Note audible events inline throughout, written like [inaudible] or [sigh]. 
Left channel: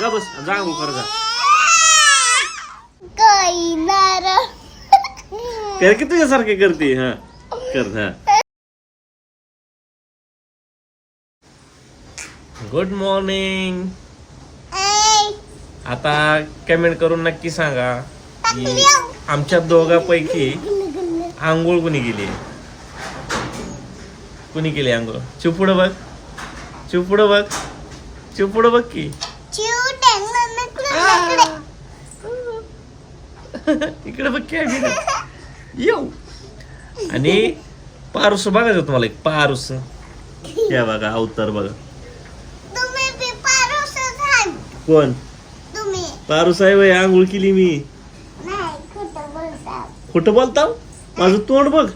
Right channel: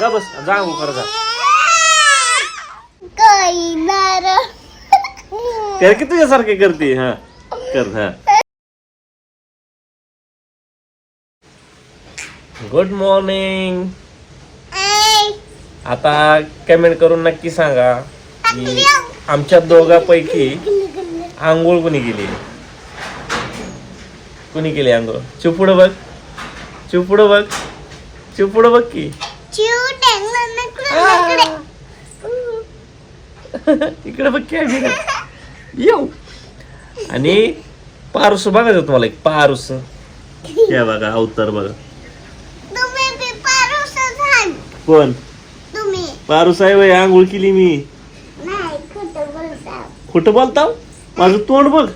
जा बस जा आंघोळ कर जा. कर की तुझ्यासारखे करते हा? कर हा. गुड मॉर्निंग आता कमेंट करून नक्की सांगा की आमच्या दोघांपैकी आंघोळ कुणी केली? कुणी केली आंघोळ? चिपुड बघ. चिपुड बघ. चिपुड बघ की. [laughs] इकडे बघ की आम्ही येऊ. आणि पारूस बघायचं तुम्हाला एक पारूस. या बघा अवतार बघा. कोण? पारूस आहे बाई आंघोळ केली मी. नाही खोटं बोलता बोलताव? माझं तोंड बघ.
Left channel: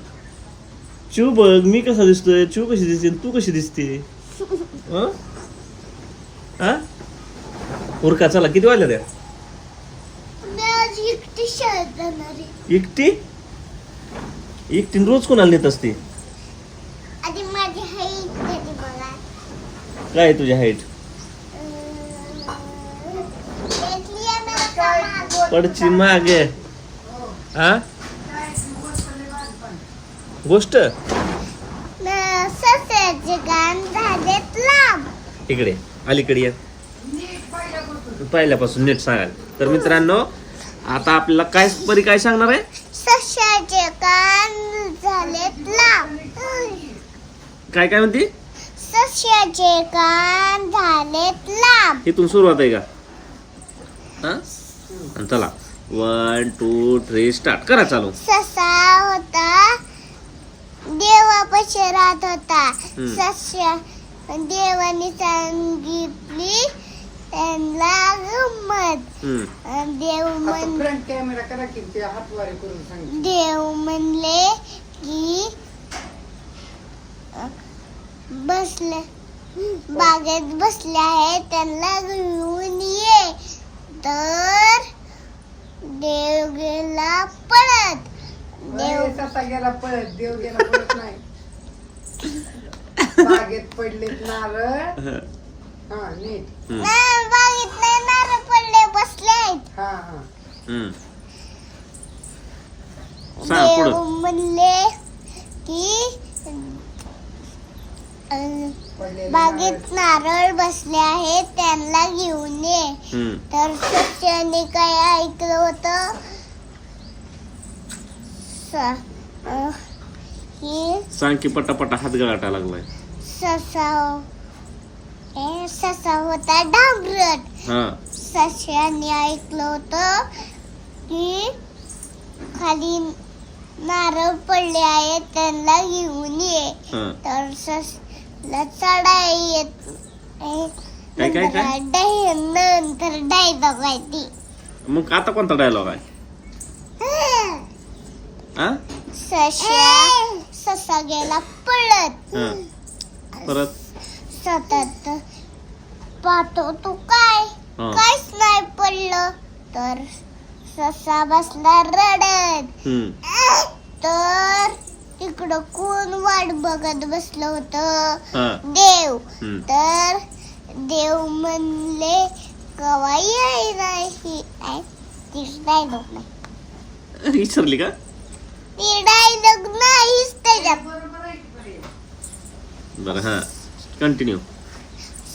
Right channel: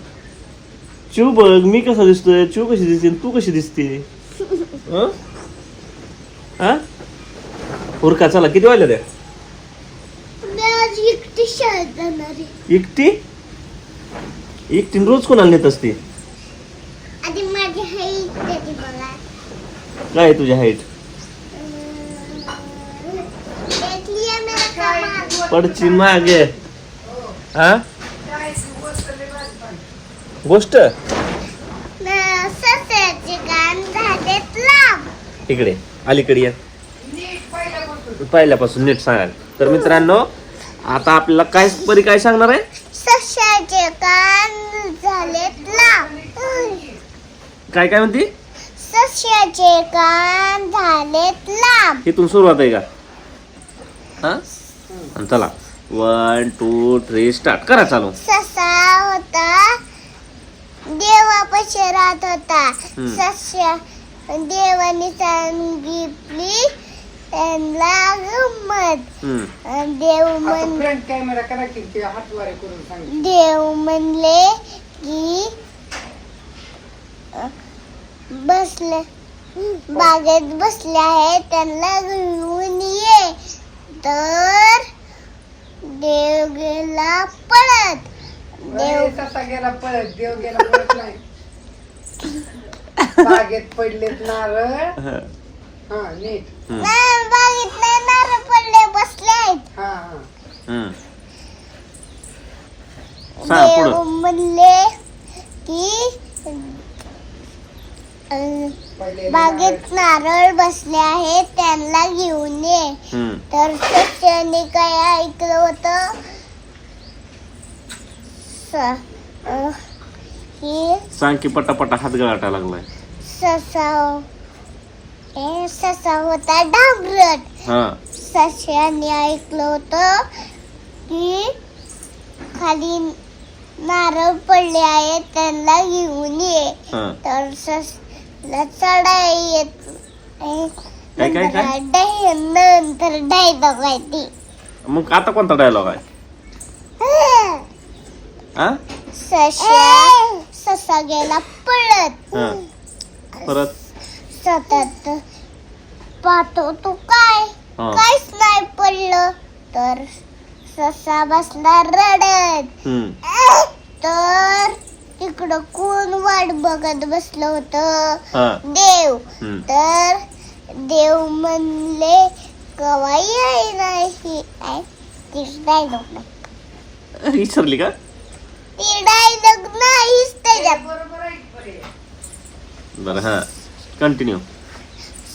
चिव बघ मी कसा दिसतोय? चिव कशी दिसते? आणि तू कशी दिसते? [laughs] हं? हा उरका चला किती वाजल्या त्या मी आज एकटी शाळेत जाणार आहे. एकटी? रोज कोणाला नेत असते? आधी माझी हाईट देते मला. काय आहे तुझ्या हाईट? त्यातली माग. पडची मागे. हा गोष्ट? न- सस्याचे गाण झालेत लांब. इकडे अलीकडे या. पहिल्यापासून नीट सांगाल. तर मित्रांनो आता आपल्याला काय परी काय सांगणार आहे? सस्याचे कान झालेत लांब काय काय म्हणते? सस्याचे कान झालेत लांब इथून सुरुवात आहे का? हा? आणि चला. वन टू थ्री स्टार्ट करा चालू. ससा होता. देवापाशी राहत होता. सस्या देवाने सांगितली देव म्हण फ्रंट कॅमेरा करा की ते हातवारे करून सांग. देव म्हणले की बसले बागेत बसले आहे त्यांना घेऊन ये. तर देव गेला पळत देव कसा गेला पळत देव गेला पळत नाही. बागेत पडलेत नारळ. [laughs] हा. नीट हम्म. नाही, बागेत नारळ पडले बसले आहेत हा हा हम्म. सांग देव पुढं म्हणले की अ, पडलेले बागेत नारळ बसले आहेत त्यांना घेऊन ये हम्म. तर सस्याने काय ऐकलं होतं स- अ, की सांग की पटापटा हात गळाटा लागलाय ससा ससा होता डांबरट हा. सस्याने ऐकलं होतं की खाली नारळ पडले आहेत त्यांना घेऊन ये. तर ससला चढाई येत. काय, काय, काय? डे- नंतर डायलॉग आहे ते. मग आता कोणता डायलॉग आहे? हा? ससा गेला पळत. हा. परत? सतत पाहतो तू काय? हा. काहीच नाही पडलं. तर ससा बसला रडत. हम्म. तर तिकडं कोण वाट बघत बसलं होतं? हा. देव. हम्म. तर देव म्हणले कवा याय नाही काय ती डायलॉग नाही. विसरली का? ती डायलॉग नाहीच त्याच्यात. बरं हा. कंटिन्यू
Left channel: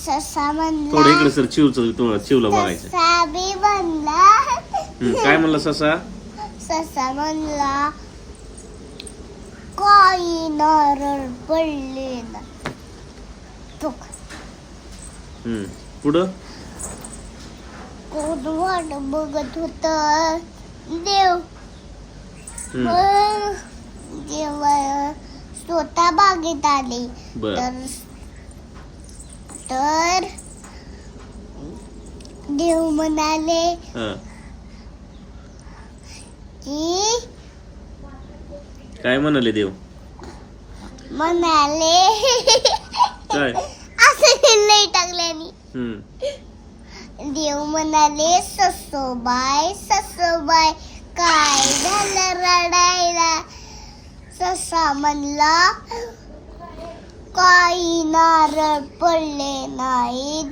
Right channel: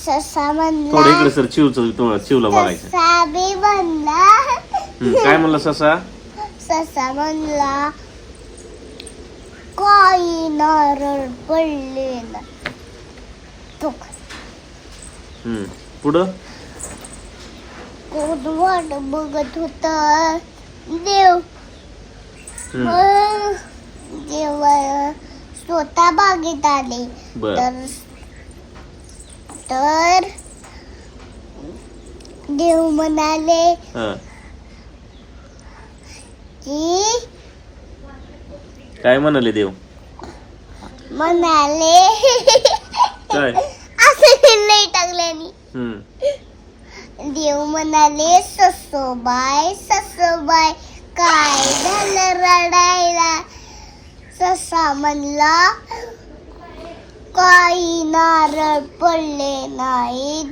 ससा थोडं इकडे सर चिवचं तुम्हाला चिवला बघायचं. ससा बी काय म्हणलं ससा? ससा म्हणला काही नारळ पडले ना तो हम्म. पुढं? कोण वाट बघत होता. देव. हम्म. मग जेव्हा स्वतः बागेत आले. बर. तर तर देव म्हणाले हा. की काय म्हणाले देव? म्हणाले काय? असं नाही टाकल्याने हम्म. देव म्हणाले ससोबाय ससोबाय काय झालं रडायला? ससा म्हणला काही नारळ पडले नाहीत.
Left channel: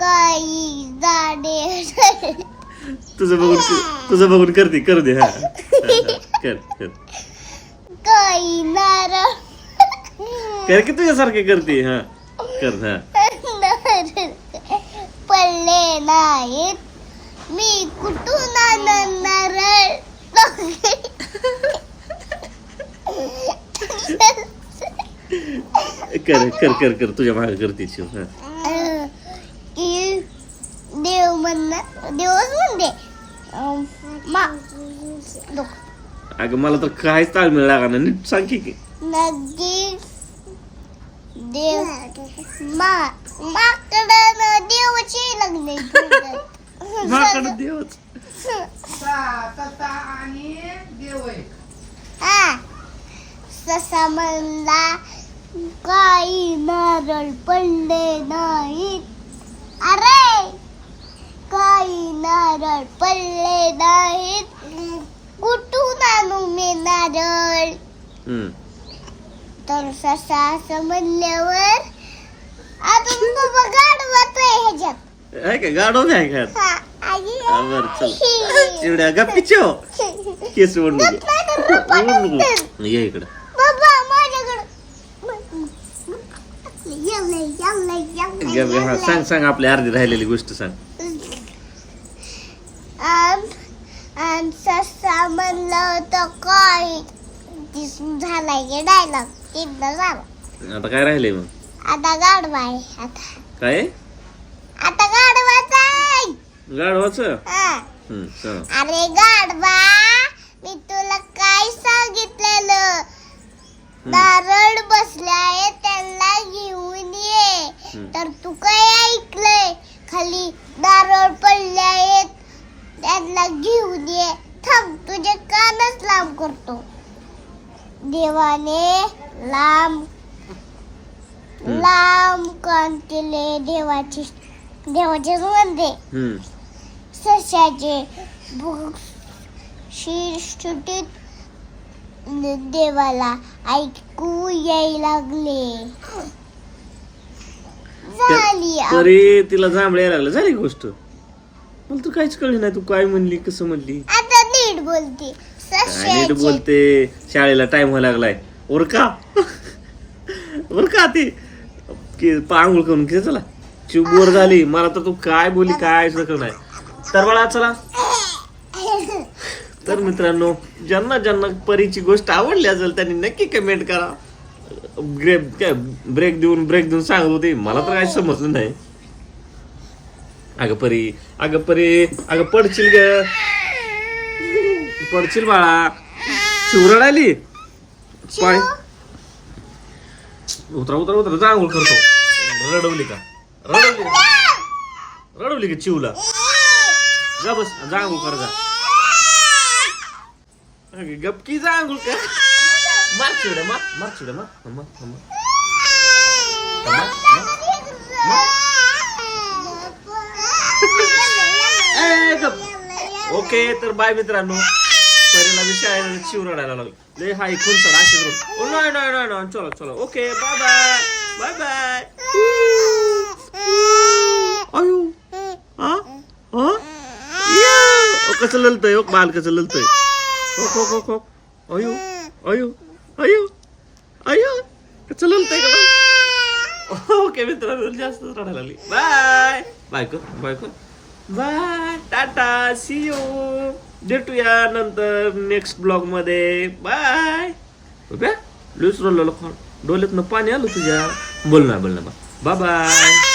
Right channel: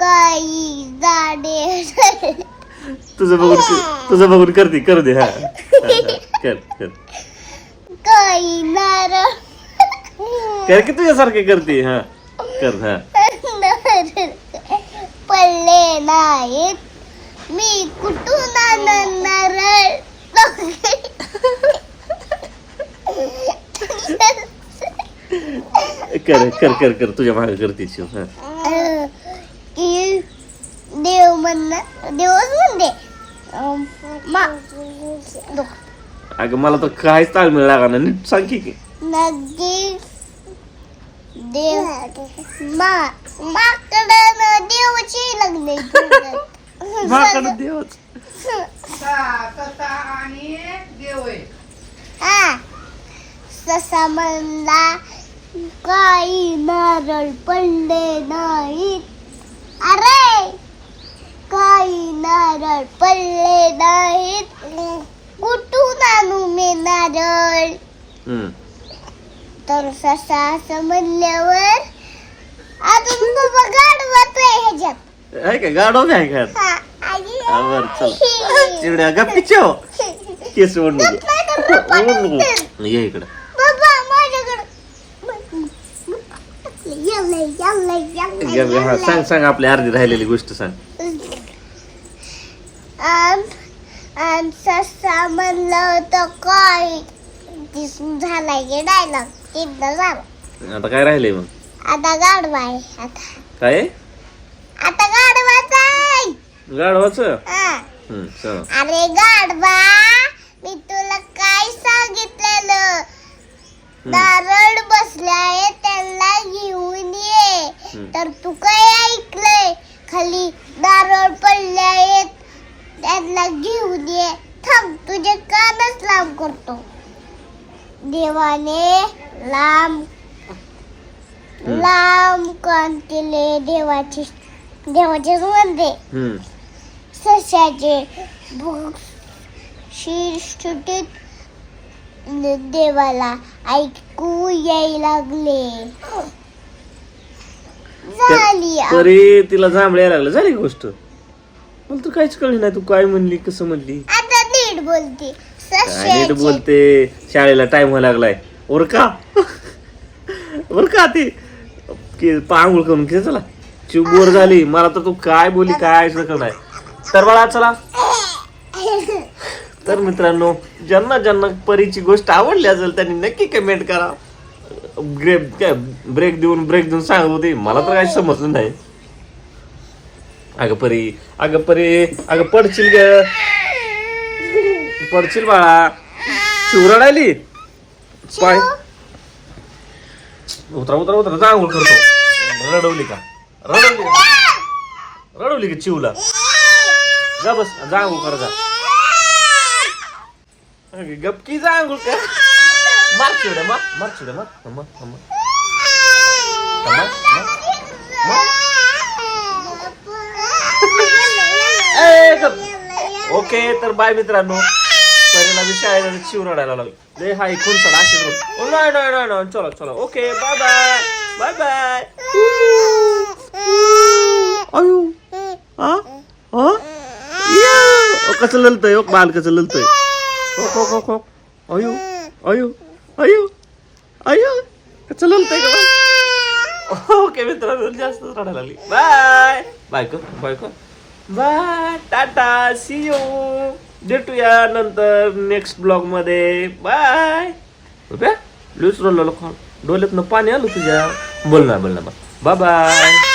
काही झाडे. तुझं बघून तुझं बघून करते कर दे हा. कर कर. काही नारळ. कर की तुझ्यासारखे करते हा. कर हा. पडले नाहीत. मी कुठून आनंद नारळ? कर कर कर कर. तुझ्या मागे करते शिव हा. की देव म्हणणार देवच म्हणते. अं, मा. अगं मला तर काहीच ताळमेळ लागा ना. नीट सांग की नदी देव मा माकडं देवाची लग्न [laughs] माकड देवच. सा- तसा आणि देव आहे हा. ससा म्हणला काही नारळ पडले नाहीत. अरे! काही नारळ पडले नाहीत. कुठून आणू मी नारळ? हम्म. तर ससा असं म्हणल्यावर अजून बाबा गाडवत आहे ह्याच्यात. आहे का? गाडो आहे का हा, आई. हा, बरं चल. [laughs] चिवड्या गप्पी चो केस ओढ नको ओढ नको ये इकडं. हा. सांग सांग आपली अर्धी राहिलेली गोष्ट सांग. म्हणलं होतं काय दिसून की डायलॉग तीनदा झाला आता काय राहिलंय मग? आता गाडवा आहे आता. काय? आता गाडवाच आहे. हा. सांग. अरे गाडवा मी तुला काय सांगितलेलं? नारळ बसलाय त्याला घेऊन ये हम्म. तर तू काय ऐकलंय? खाली नारळ पडले आहेत. त्यांना घेऊन ये. थांब तुझे कानच लांब करतो. देवाने लांब लांब कान केले देवाचे देवाचे हम्म. सशाचे शिरसुटीत देवाला ऐकू याय लागले. तरी तिला जांभळे यायला लागलं. झाली गोष्ट? मला तर काहीच कळली नाही. तू काय म्हणली कसं म्हणली? आता नीट बोलते. काय नीट सशाचे बोलते? शाळेला टाइम व्हायला लागलाय. ओर का? ओर का ती? की पांघोळ करून घे चला. चिव बोर झाली. मला तर तू काय बोली काय सगळं नाही. तर बाळा चला. तर मित्रांनो ज्यांना ज्यांना परीची गोष्ट आवडली असेल त्यांनी नक्की कमेंट करा. ग्रेप काय ब्रेक देऊन ब्रेक देऊन सांगत होते. मला तर काही समजलं नाही. अगं परी अगं परी अगं पडशील ग. पडशील बाळा. शिवराड आली पाय. उतरा उतरा उतरा. जा आंघोळ करतो. रडवली का? रडवली? रडवली का चिवला? जा बस जा आंघोळ कर जा. गपकी जा आंघोळ कर. मार चिवड्या मार मार चिवड्या मार ए, ओके तर बाय मित्रांनो परीला मी शाळेला शिव रडायला लागलो लय हाय खून सड अशीच रोड ओ नाही नाही नाही नाही चलो चलो okay bye bye bye bye अयो हा हा कसं ललतय बाल कसं ललतय हो हो हो हो अयो अयो अयो अयो कसं ललतय का बाळ? ओके मित्रांनो जास्त रडायला लागली. बाय. बायको बायको. बाय. टाटा सी यू भेटूया नंतर नेक्स्ट ब्लॉगमध्ये. बाय. रुपया? लुस रोल डोळ्यातनं पाणी आलं तुझ्या. बोल ना बोल ना बाय बाय